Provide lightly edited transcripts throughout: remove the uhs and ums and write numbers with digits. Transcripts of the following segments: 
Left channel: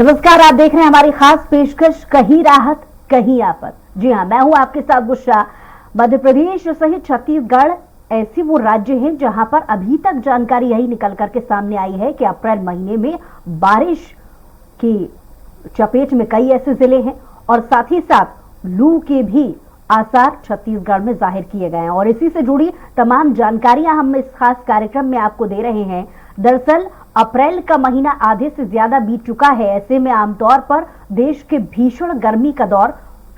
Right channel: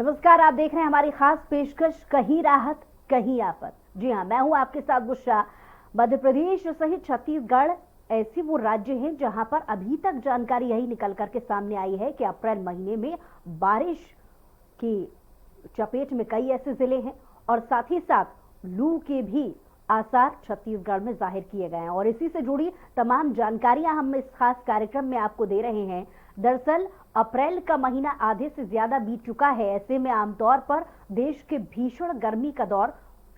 नमस्कार, आप देख रहे हैं हमारी खास पेशकश कहीं राहत कहीं आफत। जी हाँ, मैं हूं आपके साथ गुस्सा। मध्य प्रदेश सहित छत्तीसगढ़ ऐसे वो राज्य हैं जहां पर अभी तक जानकारी यही निकल करके सामने आई है कि अप्रैल महीने में बारिश की चपेट में कई ऐसे जिले हैं और साथ ही साथ लू के भी आसार छत्तीसगढ़ में जाहिर किए गए हैं और इसी से जुड़ी तमाम जानकारियां हम इस खास कार्यक्रम में आपको दे रहे हैं। दरअसल अप्रैल का महीना आधे से ज्यादा बीत चुका है। ऐसे में आमतौर पर देश के भीषण गर्मी का दौर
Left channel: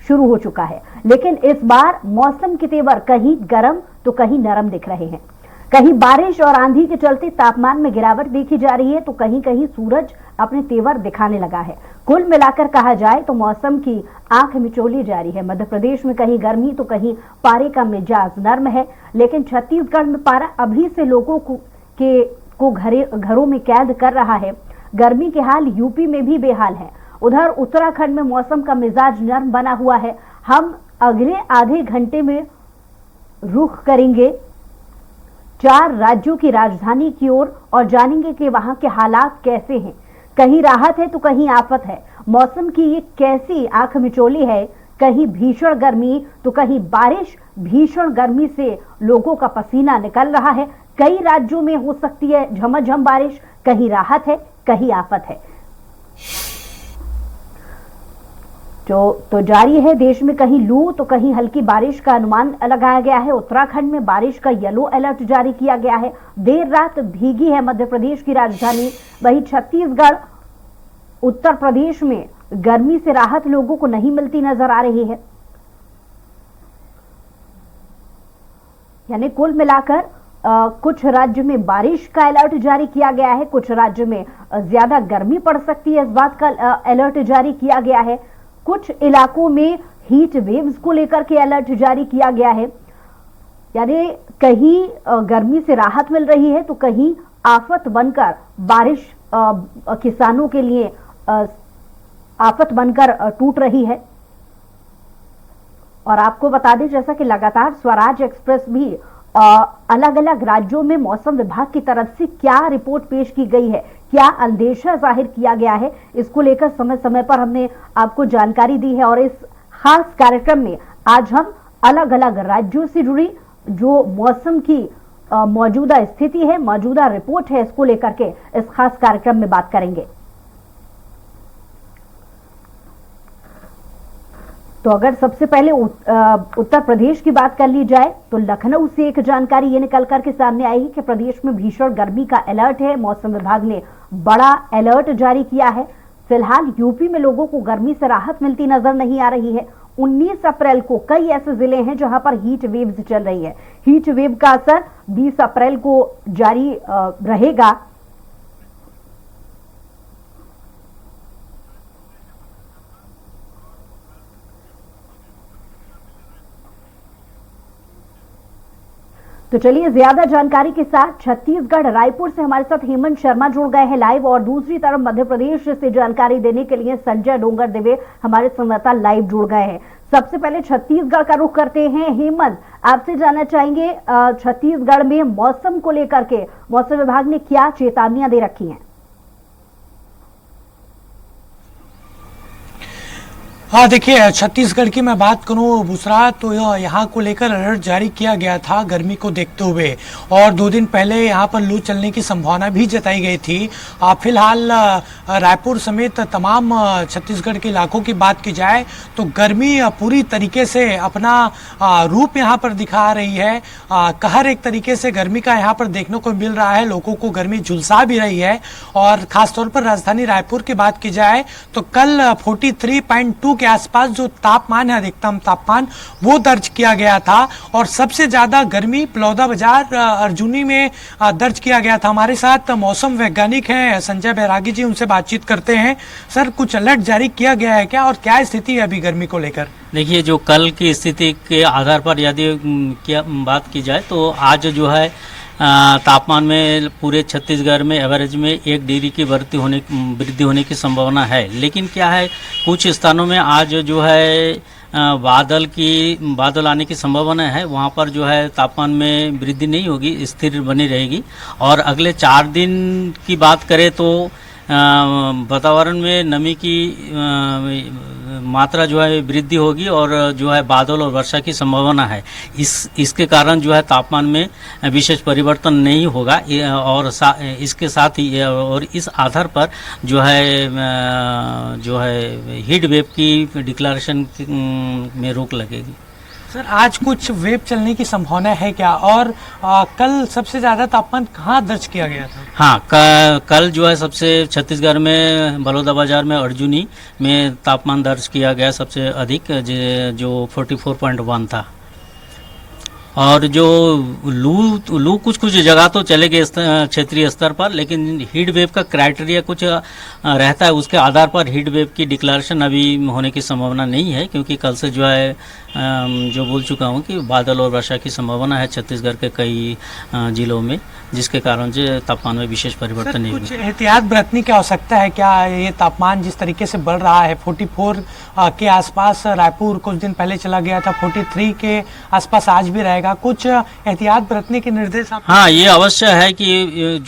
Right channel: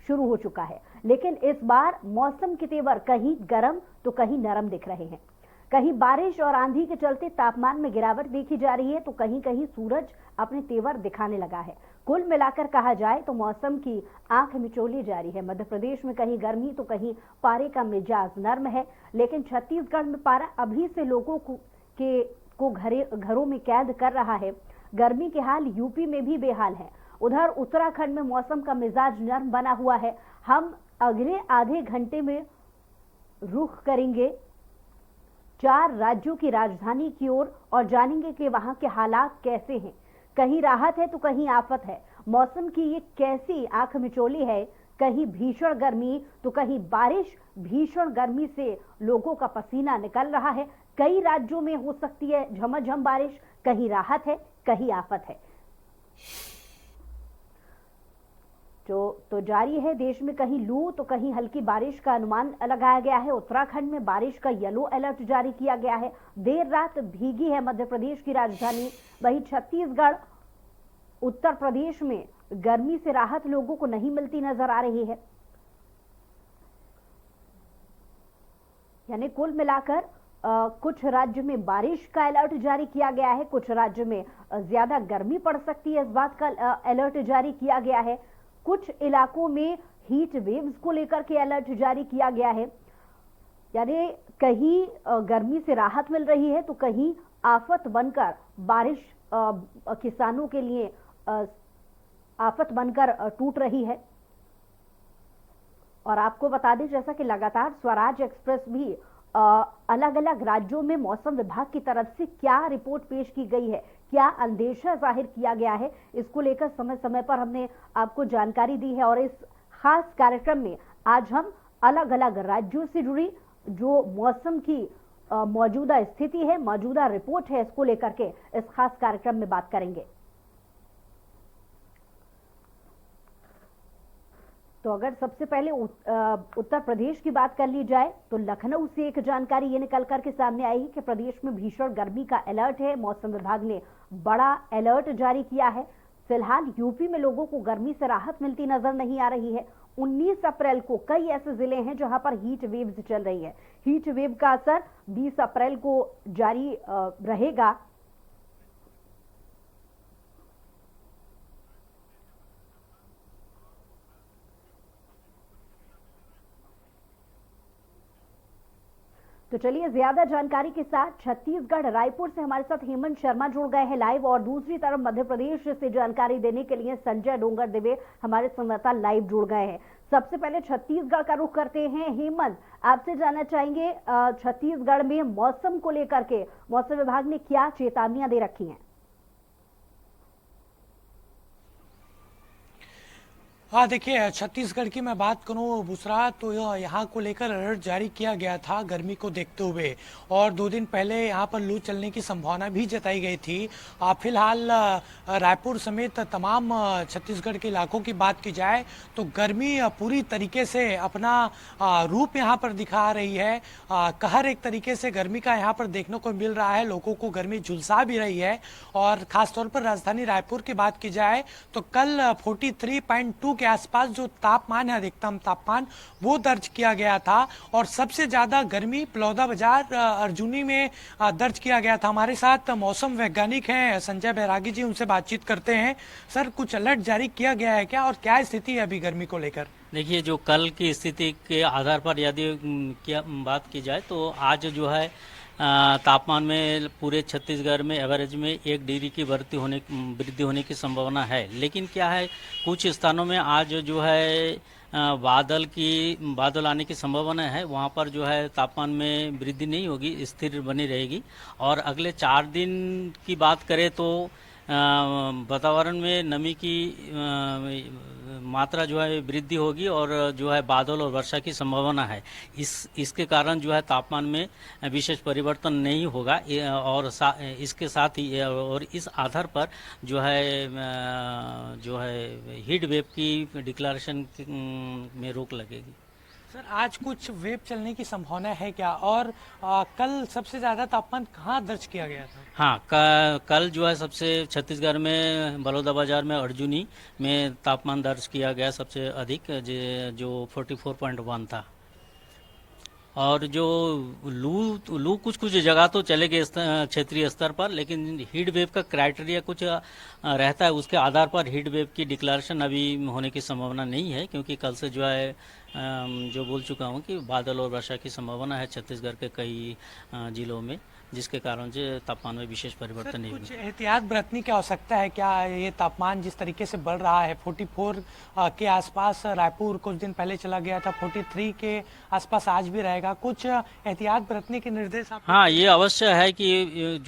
शुरू हो चुका है, लेकिन इस बार मौसम के तेवर कहीं गर्म तो कहीं नरम दिख रहे हैं। कहीं बारिश और आंधी के चलते तापमान में गिरावट देखी जा रही है तो कहीं कहीं सूरज अपने तेवर दिखाने लगा है। कुल मिलाकर कहा जाए तो मौसम की आंख मिचौली जारी है। मध्य प्रदेश में कहीं गर्मी तो कहीं पारे का मिजाज नर्म है, लेकिन छत्तीसगढ़ में पारा अभी से लोगों को घरों में कैद कर रहा है। गर्मी के हाल यूपी में भी बेहाल है। उधर उत्तराखंड में मौसम का मिजाज नर्म बना हुआ है। हम अगले आधे घंटे में रुख करेंगे 4 राज्यों की राजधानी की ओर और जानेंगे कि वहां के हालात कैसे हैं। कहीं राहत है तो कहीं आफत है। मौसम की ये कैसी आंख मिचौली है, कहीं भीषण गर्मी तो कहीं बारिश। भीषण गर्मी से लोगों का पसीना निकल रहा है। कई राज्यों में हो सकती है झमाझम बारिश। कहीं राहत है कहीं आफत है। तो जारी है देश में कहीं लू तो कहीं हल्की बारिश का अनुमान लगाया गया है। उत्तराखंड में बारिश का येलो अलर्ट जारी किया गया है। देर रात भीगी है मध्य प्रदेश की राजधानी। वहीं छत्तीसगढ़ उत्तर प्रदेश में गर्मी से राहत लोगों को नहीं मिलती नजर आ रही है। यानी कुल मिलाकर कुछ राज्य में बारिश का अलर्ट जारी किया गया है, कुछ राज्य में ज्यादा गर्मी पड़ सकती है, इस बात का अलर्ट जारी किया गया है। कुछ इलाकों में हीट वेव्स को लेकर के अलर्ट जारी किया गया है। यानी कहीं गर्मी से राहत मिल रही है तो कहीं आफत बनकर बारिश किसानों के लिए आफत बनकर टूट रही है। और आपको बता दें, जैसा कि लगातार स्वराज एक्सप्रेस भी अलग अलग राज्यों में मौसम विभाग की तरफ से क्या रिपोर्ट पेश की गई है, क्या अंदेशा जाहिर किया गया है, इसको लेकर समय समय पर हमने आपको जानकारी दी है। और इस खास कार्यक्रम में आज हम अलग अलग राज्यों से जुड़ी जो मौसम की मौजूदा स्थिति है, मौजूदा रिपोर्ट है, इसको लेकर के इस खास कार्यक्रम में बात करेंगे। तो अगर सबसे पहले उत्तर प्रदेश की बात कर ली जाए तो लखनऊ से एक जानकारी ये निकल कर के सामने आई है कि प्रदेश में भीषण गर्मी का अलर्ट है। मौसम विभाग ने बड़ा अलर्ट जारी किया है। फिलहाल यूपी में लोगों को गर्मी से राहत मिलती नजर नहीं आ रही है। 19 अप्रैल को कई ऐसे जिले हैं जहां पर हीट वेव्स चल रही है। हीट वेव का असर 20 अप्रैल को जारी रहेगा। तो चलिए ज्यादा जानकारी के साथ छत्तीसगढ़ रायपुर से हमारे साथ हेमंत शर्मा जुड़ गए हैं लाइव, और दूसरी तरफ मध्य प्रदेश से जानकारी देने के लिए संजय डोंगर देवे हमारे संवाददाता लाइव जुड़ गए हैं। सबसे पहले छत्तीसगढ़ का रुख करते हैं। हेमंत, आपसे जानना चाहेंगे छत्तीसगढ़ में मौसम को लेकर के मौसम विभाग ने क्या चेतावनियां दे रखी हैं? हाँ, देखिए छत्तीसगढ़ की मैं बात करूँ बुसरा, तो यहाँ को लेकर अलर्ट जारी किया गया था गर्मी को देखते हुए, और 2 दिन पहले यहाँ पर लू चलने की संभावना भी जताई गई थी। फिलहाल रायपुर समेत तमाम छत्तीसगढ़ के इलाकों की बात की जाए तो गर्मी पूरी तरीके से अपना रूप यहाँ पर दिखा रही है। कहर एक तरीके से गर्मी का यहाँ पर देखने को मिल रहा है। लोगों को गर्मी झुलसा भी रही है। और खासतौर पर राजधानी रायपुर की बात की जाए तो कल 43.2 के आसपास जो तापमान है, अधिकतम तापमान, वो दर्ज किया गया था। और सबसे ज्यादा गर्मी बलौदाबाजार अर्जुनी में दर्ज किया गया था। हमारे साथ मौसम वैज्ञानिक हैं संजय बैरागी जी, उनसे बातचीत करते हैं। सर, कुछ अलर्ट जारी किया गया है क्या, और क्या स्थिति है अभी गर्मी को लेकर? देखिए, जो कल की स्थिति के आधार पर यदि बात की जाए तो आज जो है तापमान में पूरे छत्तीसगढ़ में एवरेज में 1 डिग्री की वृद्धि होने की संभावना है। लेकिन क्या है, कुछ स्थानों में आज जो है बादल आने की संभावना है। वहाँ पर जो है तापमान में वृद्धि नहीं होगी, स्थिर बनी रहेगी। और अगले 4 दिन की बात करें तो वातावरण में नमी की मात्रा जो है वृद्धि होगी और जो है बादल और वर्षा की संभावना है। इसके कारण जो है तापमान में विशेष परिवर्तन नहीं होगा और इसके साथ ही और इस आधार पर जो है हीट वेव की डिक्लेरेशन में रोक लगेगी। सर आज कुछ वेव चलने की संभावना है क्या, और कल सबसे ज्यादा तापमान कहाँ दर्ज किया गया था? हाँ, कल जो है सबसे छत्तीसगढ़ में बलौदाबाजार में अर्जुनी में तापमान दर्ज किया गया सबसे अधिक, जो 44.1 था। और जो लू कुछ जगह तो चले गए क्षेत्रीय स्तर पर, लेकिन हीट वेव का क्राइटेरिया कुछ रहता है, उसके आधार पर हीट वेव की डिक्लेरेशन अभी होने की संभावना नहीं है, क्योंकि कल से जो है जो बोल चुका हूँ कि बादल और वर्षा की संभावना है छत्तीसगढ़ के कई जिलों में, जिसके कारण से तापमान में विशेष परिवर्तन नहीं कुछ एहतियात बरतने की आवश्यकता है क्या? ये तापमान जिस तरीके से बढ़ रहा है 44 के आसपास, रायपुर कुछ दिन पहले चला गया था, 43 के आसपास आज भी रहेगा, कुछ एहतियात बरतने के निर्देश आप? हाँ, ये अवश्य है कि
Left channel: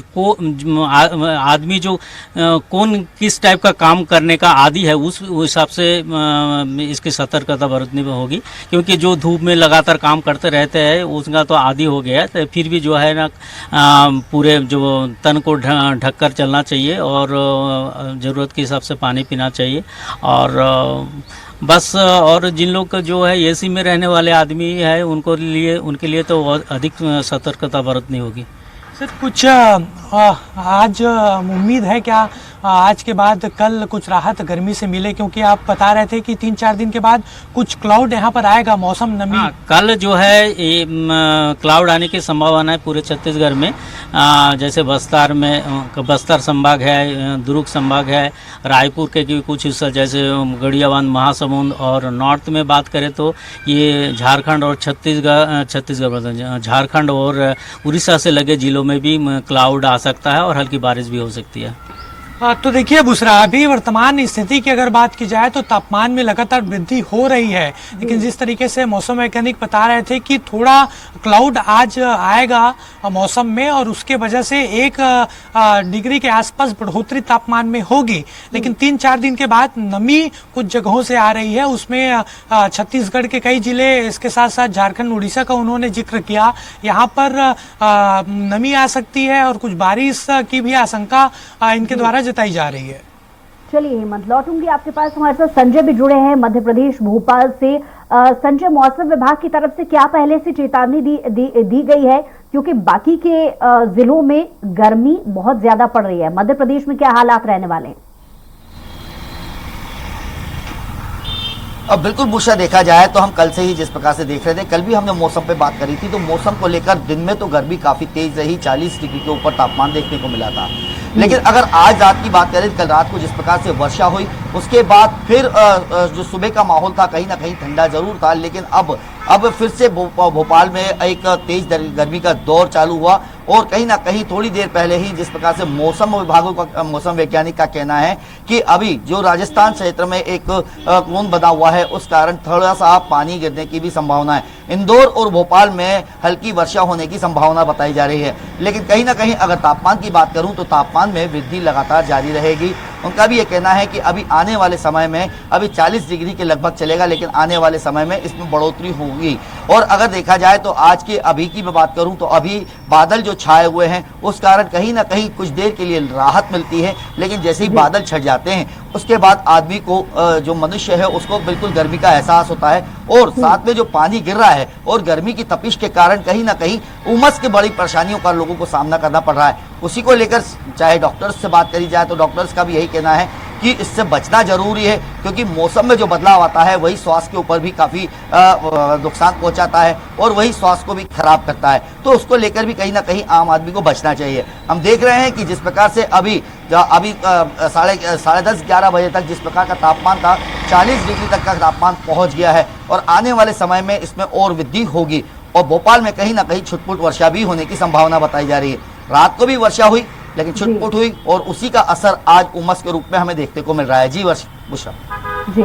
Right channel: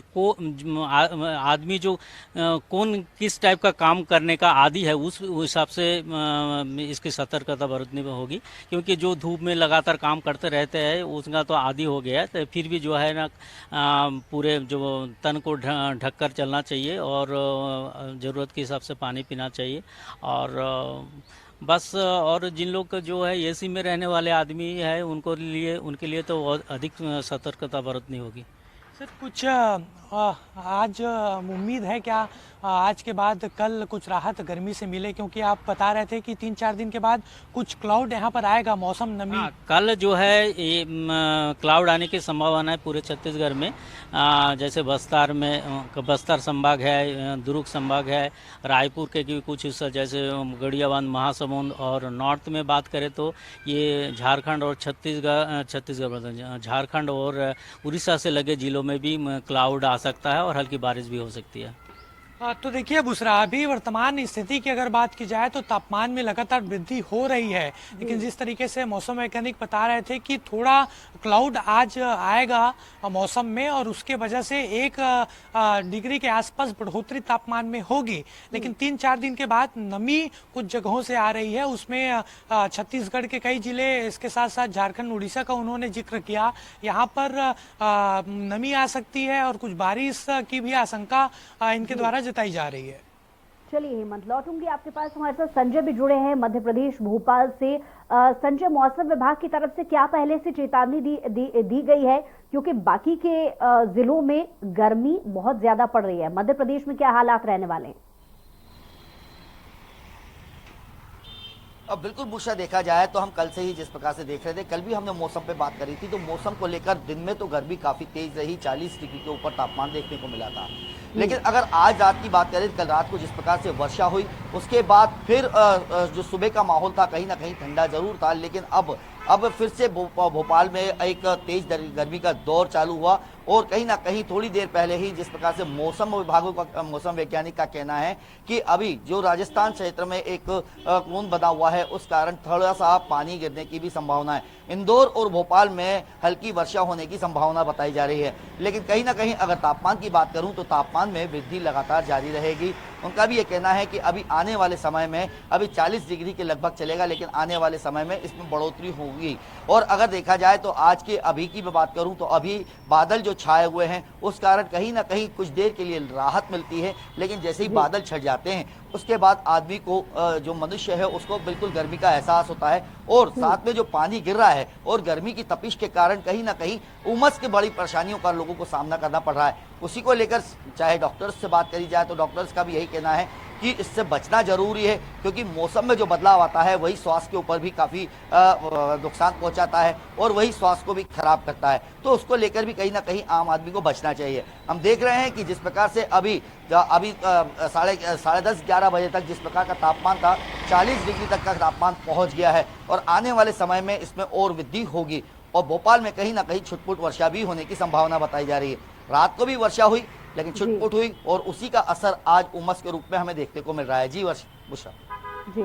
आदमी जो कौन किस टाइप का काम करने का आदी है उस हिसाब से इसकी सतर्कता बरतनी होगी, क्योंकि जो धूप में लगातार काम करते रहते हैं उसका तो आदी हो गया है, तो फिर भी जो है ना पूरे जो तन को ढक कर चलना चाहिए और ज़रूरत के हिसाब से पानी पीना चाहिए। और बस, और जिन लोग जो है एसी में रहने वाले आदमी है उनके लिए तो अधिक सतर्कता बरतनी होगी। सर कुछ आज उम्मीद है क्या आज के बाद कल कुछ राहत गर्मी से मिले, क्योंकि आप बता रहे थे कि 3-4 दिन के बाद कुछ क्लाउड यहाँ पर आएगा, मौसम नमी? हाँ, कल जो है क्लाउड आने की संभावना है पूरे छत्तीसगढ़ में, जैसे बस्तर संभाग है, दुर्ग संभाग है, रायपुर के कुछ हिस्सा जैसे गरियाबंद, महासमुंद, और नॉर्थ में बात करें तो ये झारखंड और झारखंड और उड़ीसा से लगे जिलों में भी क्लाउड आ सकता है और हल्की बारिश भी हो सकती है। तो देखिए बुसरा, अभी वर्तमान स्थिति की अगर बात की जाए तो तापमान में लगातार वृद्धि हो रही है, लेकिन जिस तरीके से मौसम वैज्ञानिक बता रहे थे कि थोड़ा क्लाउड आज आएगा मौसम में और उसके वजह से 1 डिग्री के आसपास बढ़ोतरी तापमान में होगी, लेकिन 3-4 दिन के बाद नमी कुछ जगहों से आ रही है, उसमें छत्तीसगढ़ के कई जिले, इसके साथ साथ झारखंड उड़ीसा का उन्होंने जिक्र किया, यहाँ पर नमी आ सकती है और कुछ बारिश की भी आशंका इनके द्वारा जताई जा रही है। चलिए हेमंत, लौटूंगी आपके पास। हमारे साथ संजय भी जुड़े हैं मध्य प्रदेश भोपाल से। संजय, मौसम विभाग की तरफ से क्या पहले से चेतावनी दी गई है, क्योंकि बाकी के जिलों में गर्मी बहुत ज्यादा पड़ रही है, मध्य प्रदेश में क्या हालात रहने वाले हैं? अब बिल्कुल बुशा, देखा जाए तो हम कल से ही जिस प्रकार से देख रहे थे, कल भी हमने मौसम पे बात करी थी, तो मौसम को लेकर दिन में तो गर्मी काफी तेज रही, 40 डिग्री के ऊपर तापमान देखने को मिला था। लेकिन अगर आज रात की बात करें, कल रात को जिस प्रकार से वर्षा हुई उसके बाद फिर जो सुबह का माहौल था कहीं ना कहीं ठंडा जरूर था, लेकिन अब फिर से भोपाल में एक तेज गर्मी का दौर चालू हुआ। और कहीं ना कहीं थोड़ी देर पहले ही जिस प्रकार से मौसम वैज्ञानिक का कहना है कि अभी जो राजस्थान क्षेत्र में एक कोन बना हुआ है उस कारण थोड़ा सा पानी गिरने की भी संभावना है। इंदौर और भोपाल में हल्की वर्षा होने की संभावना बताई जा रही है, लेकिन कहीं ना कहीं अगर तापमान की बात करूं तो तापमान में वृद्धि लगातार जारी रहेगी। उनका भी ये कहना है कि अभी आने वाले समय में अभी 40 डिग्री के लगभग चलेगा, लेकिन आने वाले समय में इसमें बढ़ोतरी होगी। और अगर देखा जाए तो आज के अभी की मैं बात करूं तो अभी बादल जो छाए हुए हैं उस कारण कहीं ना कहीं कुछ देर के लिए राहत मिलती है, लेकिन जैसे ही बादल छट जाते हैं उसके बाद आदमी को जो मनुष्य है उसको बिल्कुल गर्मी का एहसास होता है। और साथ में जो पानी गिर रहा है और गर्मी की तपिश के कारण कहीं ना कहीं उमस की बड़ी परेशानियों का लोगों को सामना करना पड़ रहा है। उसी को लेकर चाहे डॉक्टर्स से बात करी जाए तो डॉक्टर्स का भी यही कहना है कि इससे बचना जरूरी है, क्योंकि मौसम में जो बदलाव आता है वही स्वास्थ्य के ऊपर भी काफी नुकसान पहुंचाता है और वही स्वास्थ्य को भी खराब करता है। तो उसको लेकर भी कहीं ना कहीं आम आदमी को बचना चाहिए। हम देख रहे हैं कि जिस प्रकार से अभी 10:30-11 बजे तक जिस प्रकार का तापमान था 40 डिग्री तक का तापमान पहुंच गया है और आने वाले समय में इसमें और वृद्धि होगी। और भोपाल में कहीं ना कहीं छुटपुट वर्षा भी होने की संभावना बताई जा रही है। रात को भी वर्षा हुई लेकिन छुटपुट हुई और उसी का असर आज उमस के रूप में हमें देखने को मिल रहा है। जी बुशरा। जी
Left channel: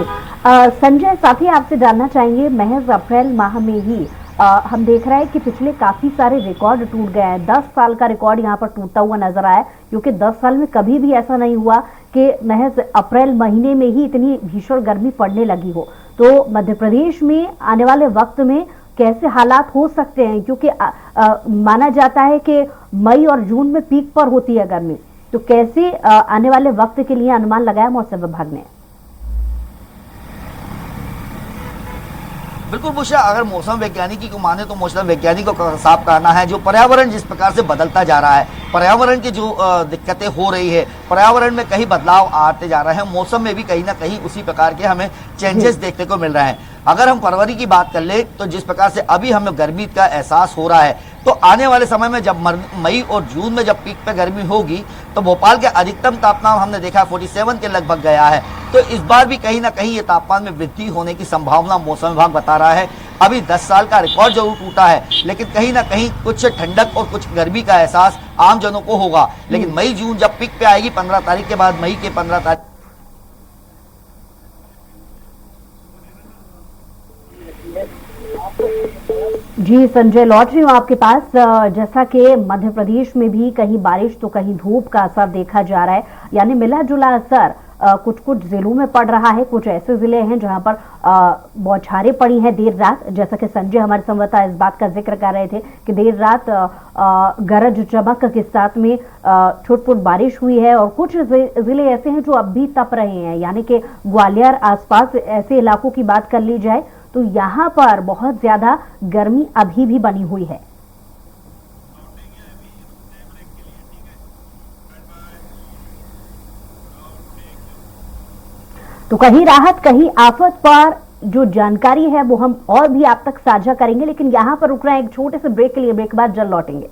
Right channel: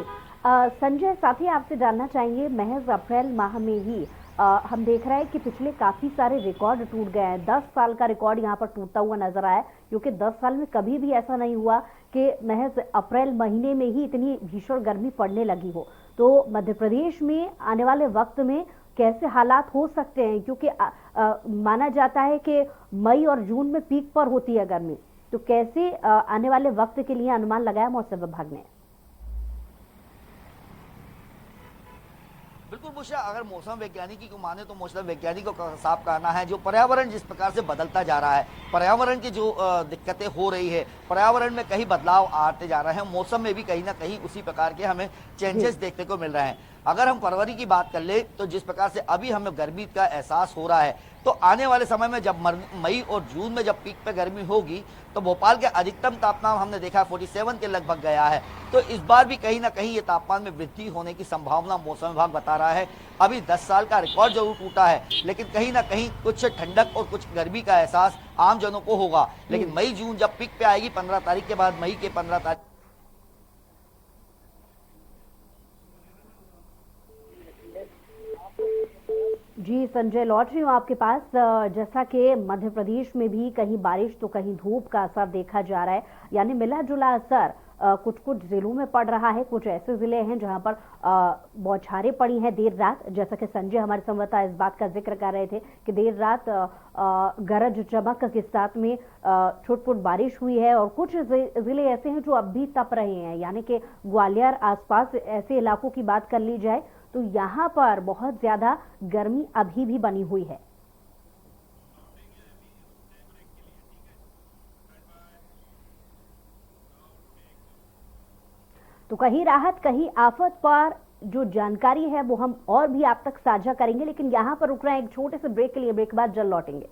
संजय, साथ ही आपसे जानना चाहेंगे, महज अप्रैल माह में ही हम देख रहे हैं कि पिछले काफी सारे रिकॉर्ड टूट गए हैं। 10 साल का रिकॉर्ड यहाँ पर टूटता हुआ नजर आया, क्योंकि 10 साल में कभी भी ऐसा नहीं हुआ कि महज अप्रैल महीने में ही इतनी भीषण गर्मी पड़ने लगी हो। तो मध्य प्रदेश में आने वाले वक्त में कैसे हालात हो सकते हैं, क्योंकि माना जाता है कि मई और जून में पीक पर होती है गर्मी। तो कैसे आने वाले वक्त के लिए अनुमान लगाया मौसम विभाग ने? बिल्कुल बुशरा, अगर मौसम वैज्ञानिकी को माने तो मौसम वैज्ञानिकों का साफ कहना है जो पर्यावरण जिस प्रकार से बदलता जा रहा है, पर्यावरण की जो दिक्कतें हो रही है, पर्यावरण में कई बदलाव आते जा रहे हैं, मौसम में भी कहीं ना कहीं उसी प्रकार के हमें चेंजेस देखने को मिल रहे हैं। अगर हम फरवरी की बात कर ले तो जिस प्रकार से अभी हमें गर्मी का एहसास हो रहा है, तो आने वाले समय में जब मई और जून में जब पीक पे गर्मी होगी तो भोपाल के अधिकतम तापमान हमने देखा 47 के लगभग गया है। तो इस बार भी कहीं ना कहीं ये तापमान में वृद्धि होने की संभावना मौसम विभाग बता रहा है। अभी 10 साल का रिकॉर्ड जरूर टूटा है, लेकिन कहीं ना कहीं कुछ ठंडक और कुछ गर्मी का एहसास आम जनों को होगा। लेकिन मई जून जब पीक पे आएगी 15 तारीख के बाद, मई के 15 तारीख जी संजय, लौट रही हूँ आपके पास। जैसा कि मध्य प्रदेश में भी कहीं बारिश तो कहीं धूप का असर देखा जा रहा है, यानी मिला जुला असर कुछ कुछ जिलों में पड़ रहा है। कुछ ऐसे जिले हैं जहां पर बौछारें पड़ी हैं देर रात, जैसा कि संजय हमारे संवाददाता इस बात का जिक्र कर रहे थे कि देर रात गरज चमक के साथ में छुटपुट बारिश हुई है। और कुछ जिले ऐसे हैं जो अब भी तप रहे हैं, यानी कि ग्वालियर आसपास ऐसे इलाकों की बात कर ली जाए तो यहाँ पर बहुत ज्यादा गर्मी अभी भी बनी हुई है। तो कहीं राहत कहीं आफत पर जो जानकारी है वो हम और भी आप तक साझा करेंगे, लेकिन यहां पर रुक रहे हैं एक छोटे से ब्रेक के लिए। ब्रेक के बाद जल्द लौटेंगे।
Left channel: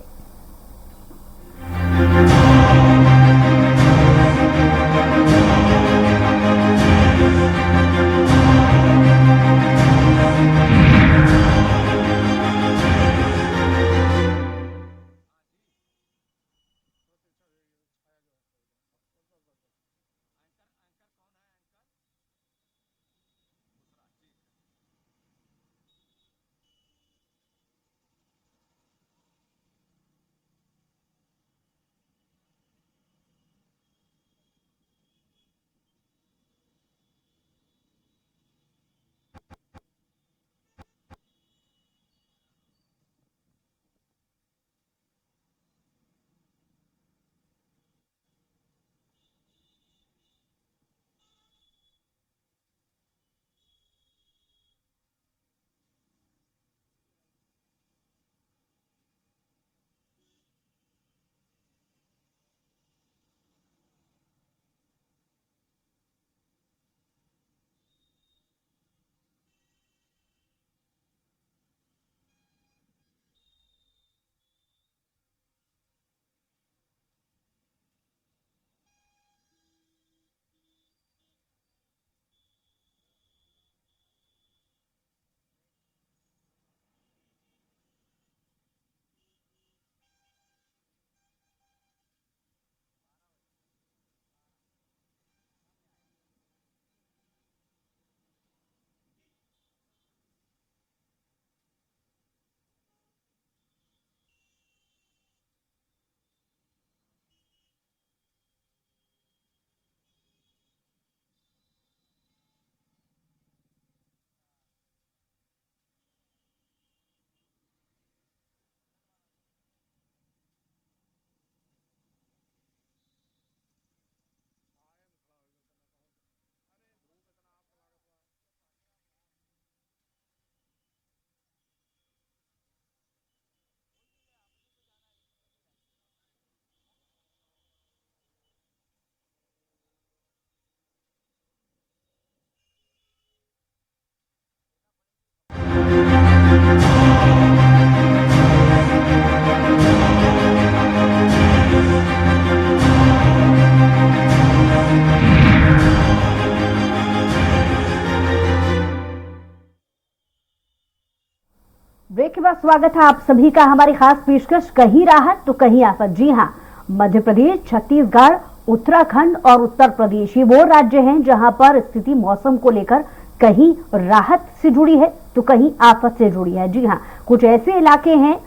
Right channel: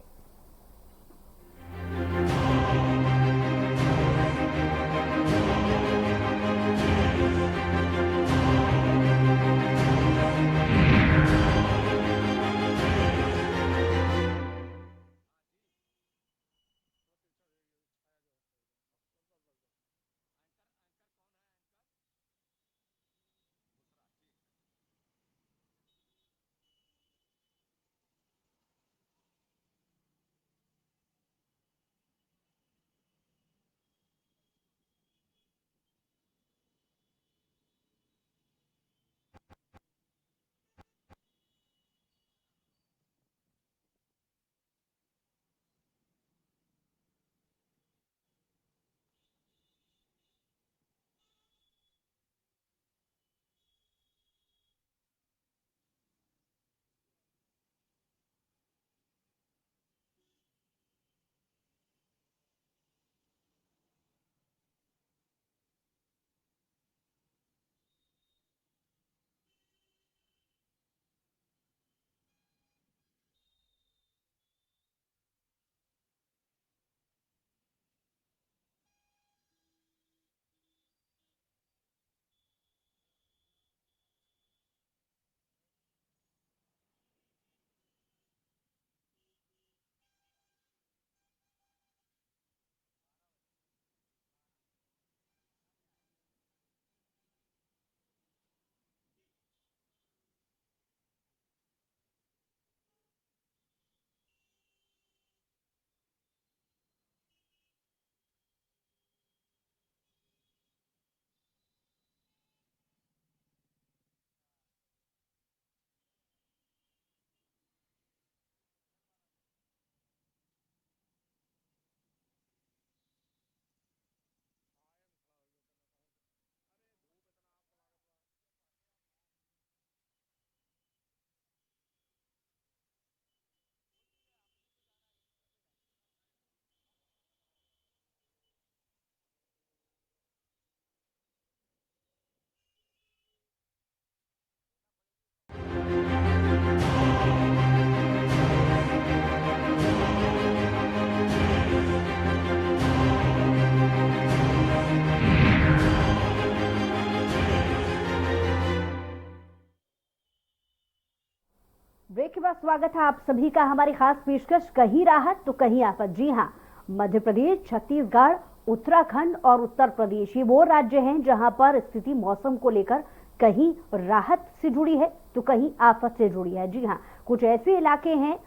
ब्रेक के बाद स्वागत है आप सभी का हमारी खास पेशकश कहीं राहत तो कहीं आफत। जी हां, मध्य प्रदेश, छत्तीसगढ़, उत्तराखंड और उत्तर प्रदेश ये वो राज्य हैं जहां पर स्थिति मौसम को लेकर कहीं राहत से जुड़ी है तो कहीं आफत से जुड़ी है। जी हाँ, कुछ ऐसे इलाके हैं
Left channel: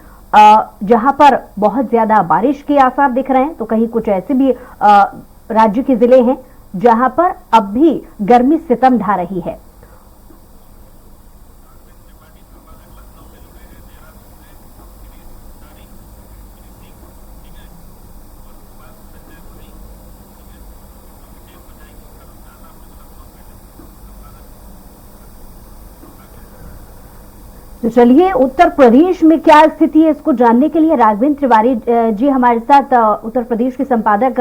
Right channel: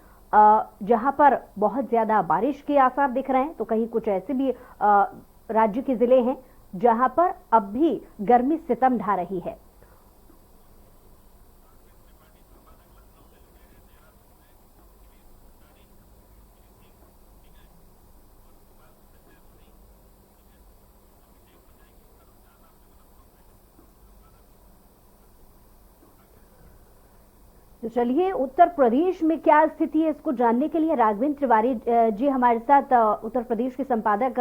जहां पर बहुत ज्यादा बारिश के आसार दिख रहे हैं, तो कहीं कुछ ऐसे भी राज्य के जिले हैं जहां पर अब भी गर्मी सितम ढा रही है। तो चलिए उत्तर प्रदेश में क्या स्थिति है इसको जानने के लिए राघवेंद्र तिवारी जी हमारे साथ उत्तर प्रदेश के संपादक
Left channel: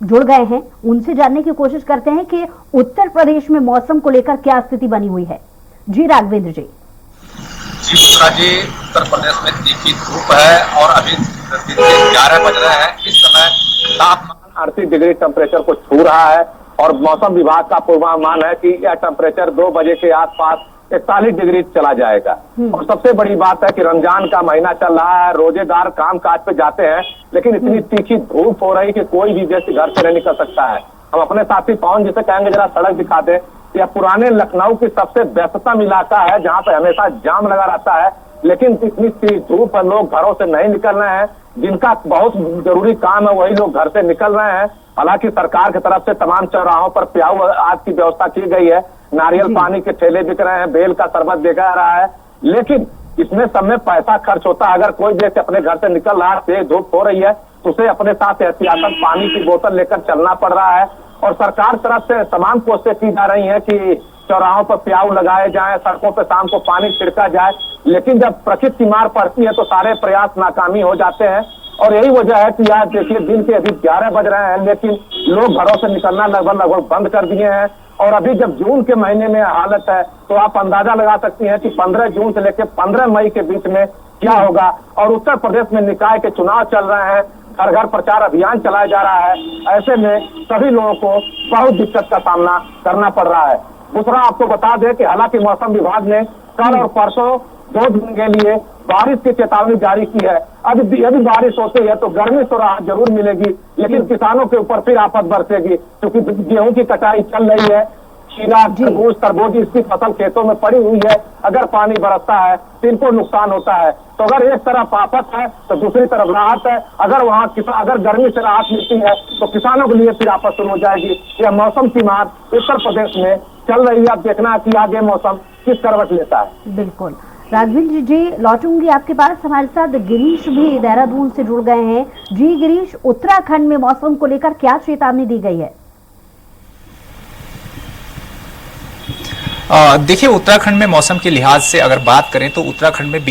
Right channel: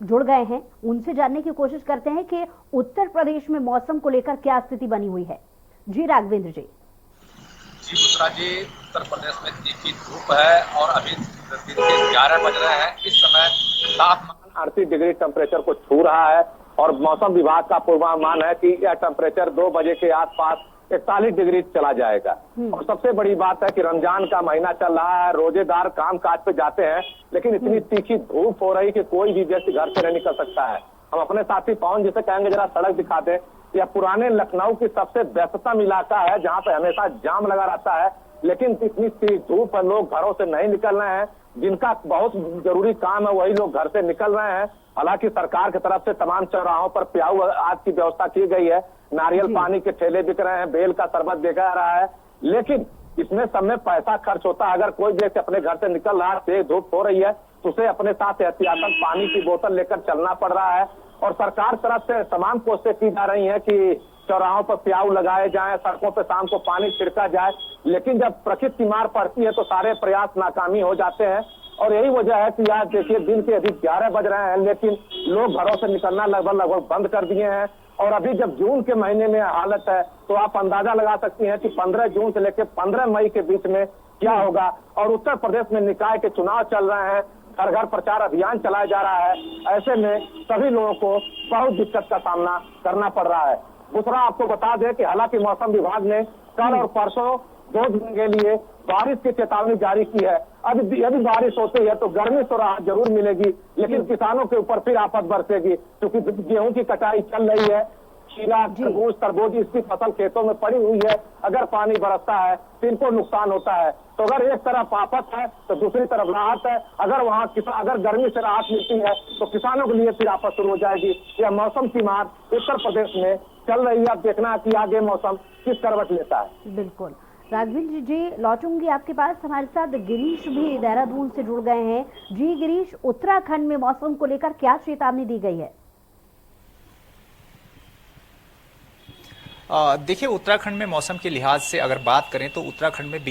जुड़ गए हैं। उनसे जानने की कोशिश करते हैं कि उत्तर प्रदेश में मौसम को लेकर क्या स्थिति बनी हुई है। जी राघवेंद्र जी। बुशरा जी, उत्तर प्रदेश में तीखी धूप है और अभी दिन के 11 बज रहे हैं। इस समय तापमान 38 डिग्री टेम्परेचर को छू रहा है और मौसम विभाग का पूर्वानुमान है कि यह टेम्परेचर 2 बजे के आसपास 41 डिग्री चला जाएगा। और सबसे बड़ी बात है कि रमजान का महीना चल रहा है, रोजेदार काम काज पे जाते हैं, लेकिन इतनी तीखी धूप हो रही कि कोई भी व्यक्ति घर से नहीं निकल सकता है। हम अपने साथी पवन जिसे कहेंगे जरा सड़क दिखा दें। यह पुराने लखनऊ की सबसे व्यस्ततम इलाका है जहाँ पे हमेशा जाम लगा रहता है, लेकिन इतनी तेज धूप पर लोग घरों से नहीं निकल रहे हैं। जिनका बहुत जरूरी काम है वही लोग घर से निकल रहे हैं। हालांकि सरकार की तरफ से तमाम चौराहों पर प्याऊ आज की व्यवस्था की गई है, नारियल पानी के ठेले बिक रहे हैं, बेल का शरबत देखा जा रहा है, लेकिन इसमें सब में पैसा खर्च होता है। अगर कोई व्यक्ति अपने घर से निकल रहा है, तेज धूप हो रही है, तो उसे अपने साथ एहतियातन पानी की बोतल लेकर चलना पड़ रहा है। और सरकार तरफ से तमाम कोशिशें की जा रही है कि चौराहों पर प्याऊ लगाए जाए, सड़कों पर शाम को पानी छिड़का जाए, लेकिन जब प्रकृति की मार पड़ती है तो सारे प्रयास नाकामी हो जाते हैं। और यही वजह है कि आज देखिए दिन के अभी 11 बज रहे हैं, लेकिन लोग घरों से निकलना लगभग बंद कर दिए हैं। और अभी जब जून के महीने में हालत है तो आप अंदाजा लगा सकती हैं कि 15 जून से लेकर 15 मई के बीच में क्या होगा। और उत्तर प्रदेश में निकाय के चुनाव चल रहे हैं, घर घर प्रचार अभियान चलाया जा रहा है। ऐसे में सभी लोगों को बहुत दिक्कत का सामना करना पड़ रहा है। दूसरा आपको बता दें कि हालांकि मौसम विभाग ने कल और परसों 2 दिन के लिए बारिश की चेतावनी जारी की है। अब यदि बारिश होती है तो गर्मी से राहत जरूर मिलेगी, लेकिन किसानों के ऊपर फिर आफत बरसेगी, क्योंकि गेहूं की कटाई चल रही है। खीरा, तरबूज, तरबूजी इसकी फसल खेतों में पड़ी हुई है। अगर पानी बरसता है तो इनको नुकसान होता है। तो अगर एक तरफ आफत है तो दूसरी तरफ राहत है। अगर गर्मी से राहत मिलती है तो किसानों के लिए फिर आफत शुरू हो जाएगी। यह मौसम की मार उत्तर प्रदेश में चल रही है। अब देखना कि आगे मौसम किस करवट लेता है। बिल्कुल राघवेंद्र जी, लौटूंगी आपके पास। हमारे साथ गिरीश भी देहरादून से जुड़ गए हैं। जी गिरीश, उत्तराखंड में मौसम को लेकर क्या चेतावनी दी गई है? देखिए, उत्तराखंड में मौसम के लिहाज से अगर बात करें तो उत्तराखंड में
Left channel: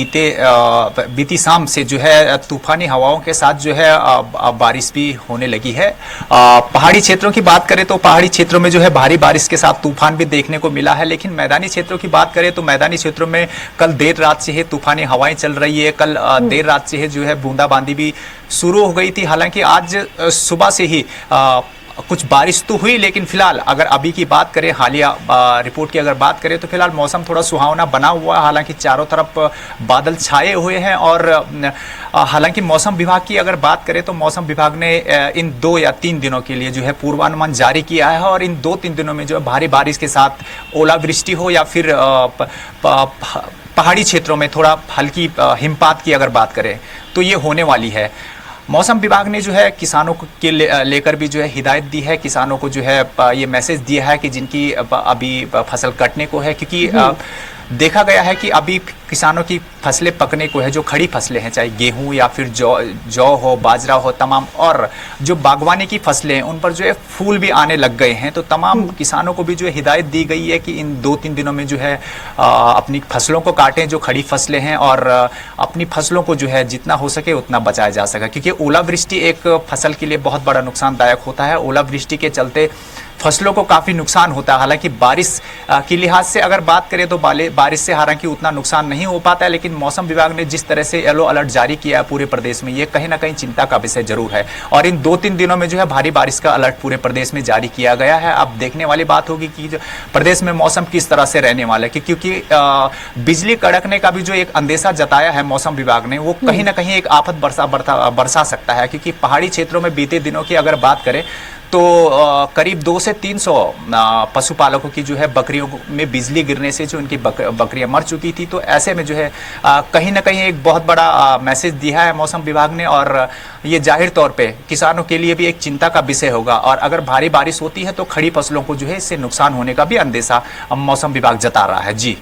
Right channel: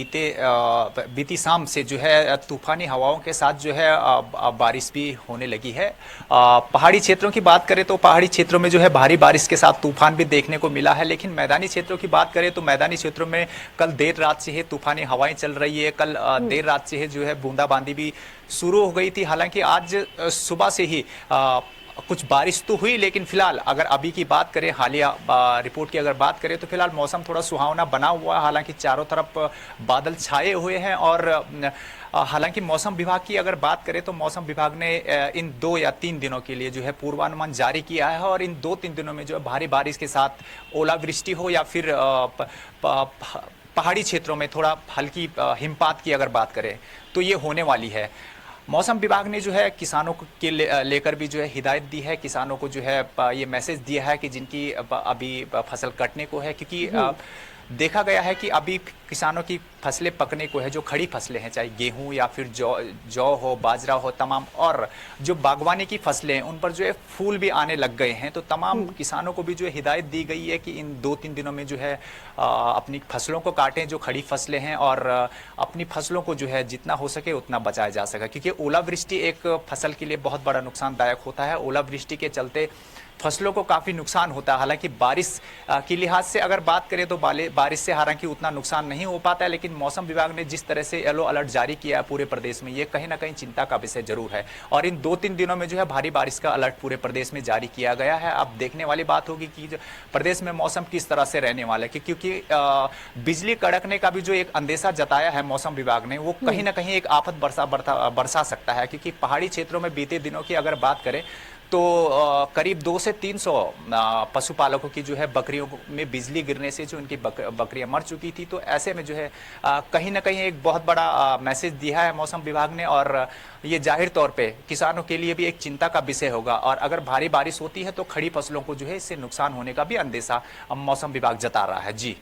बीती शाम से जो है तूफानी हवाओं के साथ जो है बारिश भी होने लगी है। पहाड़ी क्षेत्रों की बात करें तो पहाड़ी क्षेत्रों में जो है भारी बारिश के साथ तूफान भी देखने को मिला है, लेकिन मैदानी क्षेत्रों की बात करें तो मैदानी क्षेत्रों में कल देर रात से है तूफानी हवाएं चल रही है। कल देर रात से है जो है बूंदाबांदी भी शुरू हो गई थी। हालांकि आज सुबह से ही कुछ बारिश तो हुई, लेकिन फिलहाल अगर अभी की बात करें, हालिया रिपोर्ट की अगर बात करें तो फिलहाल मौसम थोड़ा सुहावना बना हुआ है। हालांकि चारों तरफ बादल छाए हुए हैं और हालांकि मौसम विभाग की अगर बात करें तो मौसम विभाग ने इन 2 या 3 दिनों के लिए जो है पूर्वानुमान जारी किया है और इन 2-3 दिनों में जो है भारी बारिश के साथ ओलावृष्टि हो या फिर पहाड़ी क्षेत्रों में थोड़ा हल्की हिमपात की अगर बात करें तो ये होने वाली है। मौसम विभाग ने जो है किसानों के लेकर भी जो है हिदायत दी है। किसानों को जो है ये मैसेज दिया है कि जिनकी अभी फसल कटने को है, क्योंकि देखा गया है कि अभी किसानों की फसलें पकने को है, जो खड़ी फसलें हैं, चाहे गेहूं या फिर जौ हो, बाजरा हो, तमाम और जो बागवानी की फसलें हैं उन पर जो है फूल भी आने लग गए हैं। तो तमाम किसानों को भी जो है हिदायत दी गई है कि इन 2-3 दिनों में जो है अपनी फसलों को काटें जो खड़ी फसलें हैं और अपनी फसलों को जो है जितना हो सके उतना बचाया जा सके, क्योंकि ओलावृष्टि एक फसल के लिए बहुत बड़ा नुकसानदायक होता है। ओलावृष्टि के चलते फसलों को काफी नुकसान होता है। हालांकि बारिश के लिहाज से अगर बात करें तो बारिश से हालांकि उतना नुकसान नहीं हो पाता है, लेकिन मौसम विभाग ने जिस तरह से येलो अलर्ट जारी किया है पूरे प्रदेश में, ये कहीं ना कहीं चिंता का विषय जरूर है। और इन 2-3 दिनों में जो है भारी बारिश का अलर्ट पूरे प्रदेश में जारी किया गया है। अब देखने वाली बात होगी कि प्रदेश में मौसम किस तरह से रहने वाला है, क्योंकि बिजली कड़कने का भी जो एक अंदेशा जताया है मौसम विभाग ने, वो कहीं ना कहीं एक आफत बरसा सकता है। क्योंकि पहाड़ी क्षेत्रों में बीते दिनों की अगर बात करें तो करीब 200 से 300 पशुपालकों की जो है बकरियों में बिजली गिरने से जो उनकी बकरियां मर चुकी थी। तो ऐसे में जो है कहीं ना कहीं एक बहुत बड़ा मैसेज दिया है मौसम विभाग ने, और ये जाहिर तौर पे किसानों के लिए भी एक चिंता का विषय होगा। और अगर भारी बारिश होती है तो खड़ी फसलों को जो है इससे नुकसान होने का भी अंदेशा मौसम विभाग जता रहा है। जी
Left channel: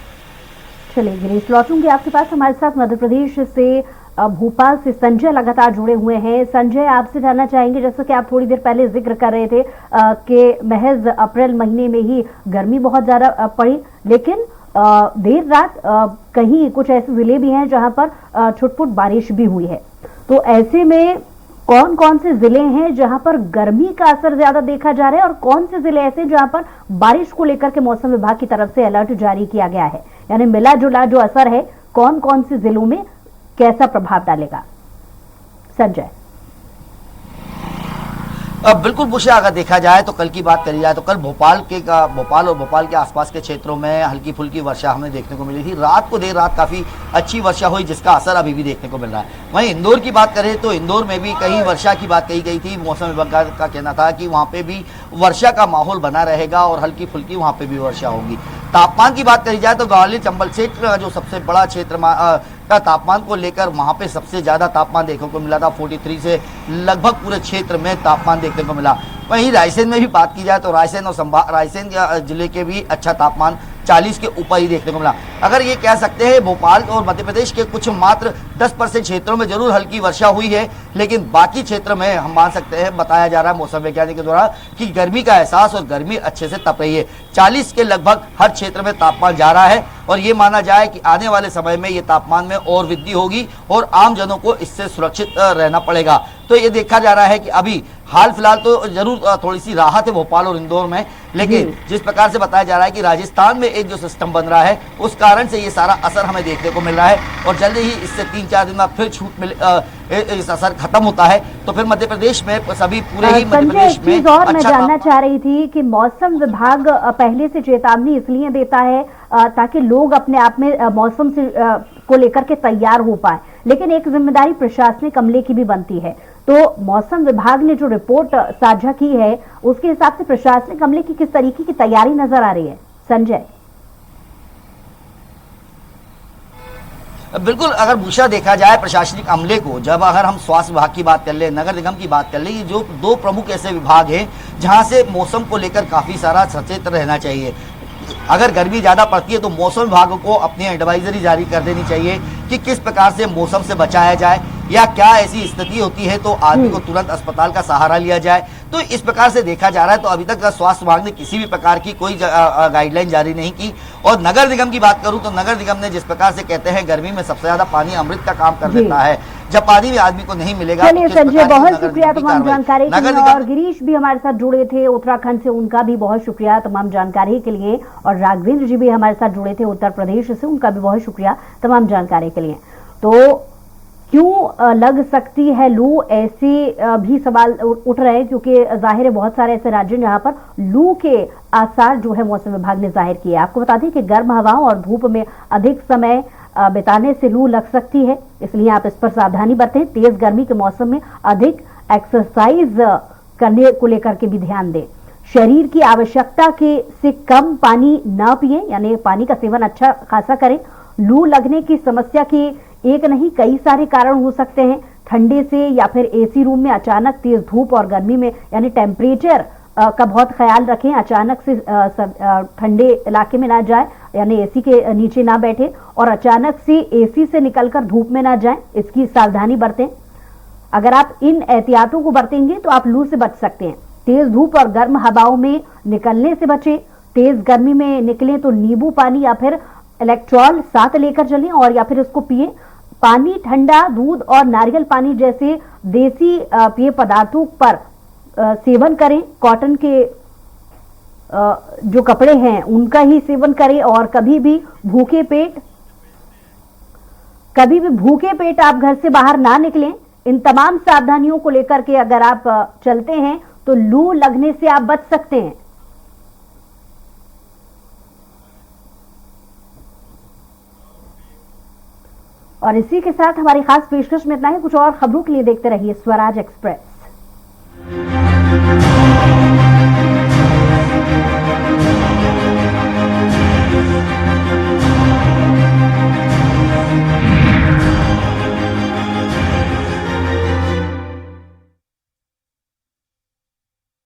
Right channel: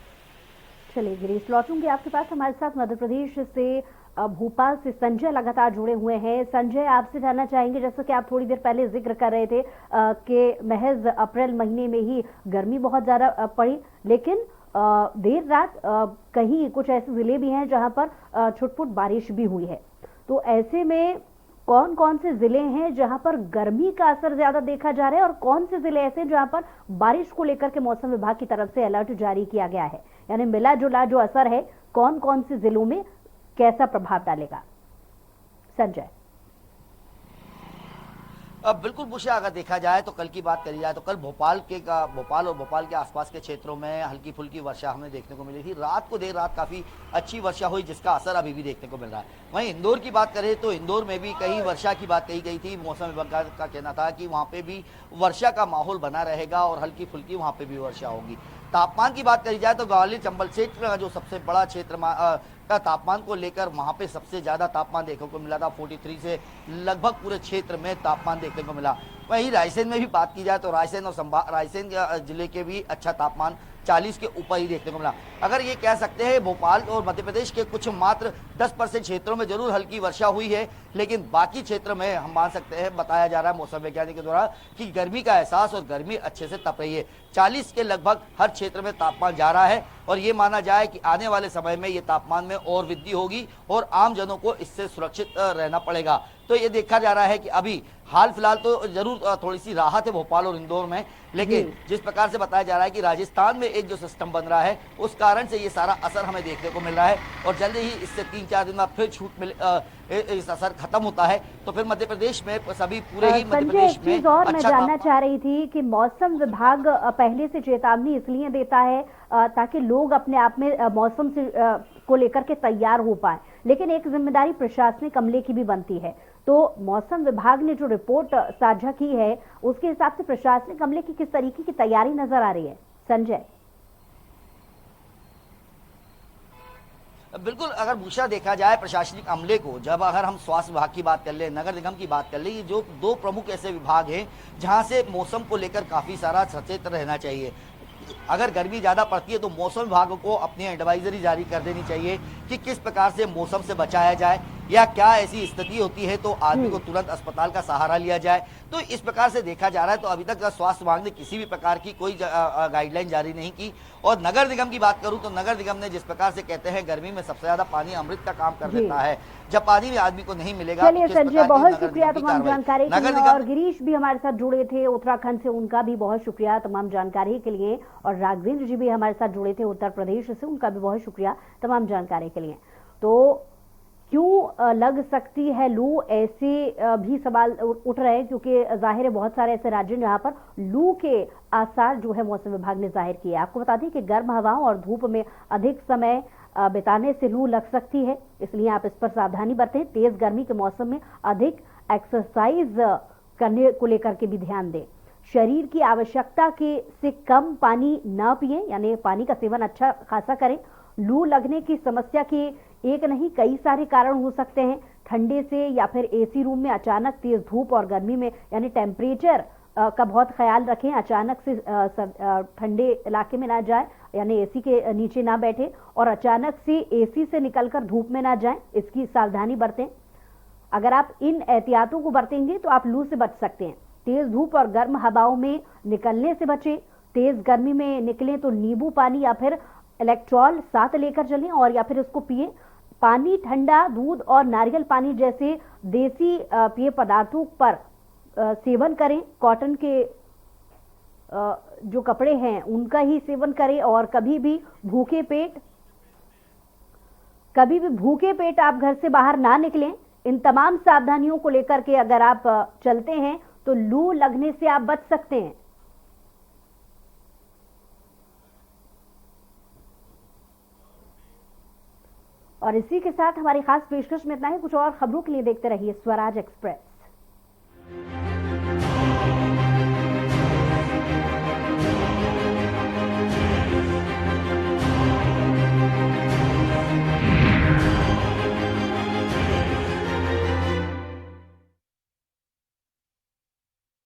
चलिए गिरीश, लौटूंगी आपके पास। हमारे साथ मध्य प्रदेश से भोपाल से संजय लगातार जुड़े हुए हैं। संजय, आपसे जानना चाहेंगे, जैसा कि आप थोड़ी देर पहले जिक्र कर रहे थे कि महज अप्रैल महीने में ही गर्मी बहुत ज्यादा पड़ी, लेकिन देर रात कहीं कुछ ऐसे जिले भी हैं जहां पर छुटपुट बारिश भी हुई है। तो ऐसे में कौन कौन से जिले हैं जहां पर गर्मी का असर ज्यादा देखा जा रहा है, और कौन से जिले ऐसे जहां पर बारिश को लेकर के मौसम विभाग की तरफ से अलर्ट जारी किया गया है? यानी मिला जुला जो असर है, कौन कौन से जिलों में कैसा प्रभाव डालेगा? संजय। अब बिल्कुल बुशा, अगर देखा जाए तो कल की बात करी जाए तो कल भोपाल और भोपाल के आसपास के क्षेत्रों में हल्की फुल्की वर्षा हमें देखने को मिली थी। रात को देर रात काफी अच्छी वर्षा हुई, जिसका असर अभी भी देखने को मिल रहा है। वहीं इंदौर की बात करें तो इंदौर में भी कहीं वर्षा की बात कही गई थी। मौसम विभाग का कहना था कि वहां पे भी वर्षा का माहौल बना रहेगा और हल्की फुल्की वहां पे भी वर्षा होगी। तापमान की बात करी जाए तो ग्वालियर चंबल क्षेत्र का जो सबसे बड़ा क्षेत्र का तापमान को लेकर वहां पे सबसे ज्यादा तापमान देखने को मिला था। 43 से लगभग पूरे क्षेत्र में तापमान देखने को मिला। वहीं रायसेन में भी बात की जाए तो रायसेन जिले के भी अच्छा तापमान 40 के ऊपर ही देखने को मिला। अगर ये कह सकते हैं भोपाल और मध्य प्रदेश के कुछ मात्र 10% क्षेत्रों में जरूर हल्की वर्षा हुई है, लेकिन बाकी क्षेत्र में हम मान सकते हैं, बताया जा रहा है मौसम वैज्ञानिक के द्वारा, कि गर्मी का एहसास और गर्मी अच्छे से तप रही है। 40 के लगभग हर क्षेत्र में तापमान जा रहा है और ये माना जाए कि आने वाले समय में ये तापमान में और वृद्धि होगी और आम जनों को इससे सुरक्षित रहना पड़ेगा। तो ये देखा जा रहा है कि अभी हाल फिलहाल तो जरूर थोड़ी सी राहत है भोपाल और इंदौर में, लेकिन जिस प्रकार से बताया जा रहा है कि राजस्थान में एक जो सिस्टम बन रहा है उस कारण से ये सारा असर हमें देखने को मिल रहा है और जल्दी ही इससे 3-4 दिन में फिर छूट मिले, इस असर खत्म होता है तो फिर मध्य प्रदेश में सभी पूरे ही मध्य प्रदेश में मैं जानना चाह रही थी कि मौसम विभाग पहले से चेतावनी इसलिए देता है ताकि लोग अपने आप में मौसम से को लेकर के तैयार हो पाए, लेकिन एक जिम्मेदारी प्रशासनिक अमले की भी बनती है। तो मौसम विभाग ने जो रिपोर्ट साझा की है उसके हिसाब से प्रशासनिक अमले की किस तरीके की तैयारी नजर आ रही है? संजय। बिल्कुल, अगर भूषा देखा जाए प्रशासनिक अमले को, जब अगर हम स्वास्थ्य विभाग की बात कर ले, नगर निगम की बात कर ले, ये जो दो प्रमुख ऐसे विभाग हैं जहां से मौसम को लेकर काफी सारा सचेत रहना चाहिए। अगर गर्मी ज्यादा पड़ती है तो मौसम विभाग को अपनी एडवाइजरी जारी कर देनी चाहिए कि किस प्रकार से मौसम से बचाया जाए, या क्या ऐसी स्थिति होती है तो आदमी को तुरंत अस्पताल का सहारा लिया जाए। तो इस प्रकार से देखा जा रहा है। तो अभी तक स्वास्थ्य विभाग ने किसी भी प्रकार की कोई गाइडलाइन जारी नहीं की। और नगर निगम की बात करूं तो नगर निगम ने जिस प्रकार से कहते हैं गर्मी में सबसे ज्यादा पानी अमृत का काम कर देता है, जब पानी में आदमी को नहीं मिलेगा। चलिए संजय, बहुत शुक्रिया तमाम जानकारी के लिए। और गिरीश भी हमारे साथ जुड़े थे उत्तराखंड से, उनका भी बहुत शुक्रिया तमाम जानकारी के लिए। और राघवेंद्र जी भी हमारे साथ जुड़े थे उत्तर प्रदेश से, उनका भी बहुत शुक्रिया तमाम जानकारी के लिए। तो क्यों लग सकती है लू, ऐसे भी सवाल उठ रहे हैं, क्योंकि जाहिर है बहुत सारे ऐसे राज्य जहां पर लू के आसार जो है मौसम विभाग ने जाहिर किए। आपको बता दें कि गर्म हवाओं और धूप में अधिक समय बिताने से लू लग सकती है, इसलिए आप इस पर सावधानी बरतें। तेज गर्मी के मौसम में अधिक एक्सरसाइज करने को लेकर के भी ध्यान दें। शरीर की आवश्यकता के से कम पानी ना पिए, यानी पानी का सेवन अच्छा खासा करें। लू लगने की समस्या के एक नहीं कई सारे कारण हो सकते हैं। ठंडे से या फिर एसी रूम में अचानक तेज धूप और गर्मी में, यानी टेम्परेचर का बहुत ख्याल रखें। अचानक से ठंडे इलाके में ना जाए, यानी एसी के नीचे ना बैठे, और अचानक से एसी से निकलकर धूप में ना जाएं, इसकी सावधानी बरतें। अगर आप इन एहतियातों को बरतेंगे तो आप लू से बच सकते हैं। तेज धूप और गर्म हवाओं में निकलने से बचें। तेज गर्मी में निकलें तो नींबू पानी या फिर इलेक्ट्रॉल साथ लेकर चलें और या फिर उसको पिए। पानी, ठंडा दूध और नारियल पानी जैसे देसी पेय पदार्थों पर सेवन करें। कॉटन के जो कपड़े हैं उनका ही सेवन करें और कभी भी भूखे पेट आप घर से बाहर ना निकलें। इन तमाम सावधानियों को लेकर के अगर आप चलते हैं तो लू लगने से आप बच सकते हैं। और इसी के साथ हमारी खास पेशकश में इतना ही। कुछ और खबरों के लिए देखते रहिए स्वराज एक्सप्रेस।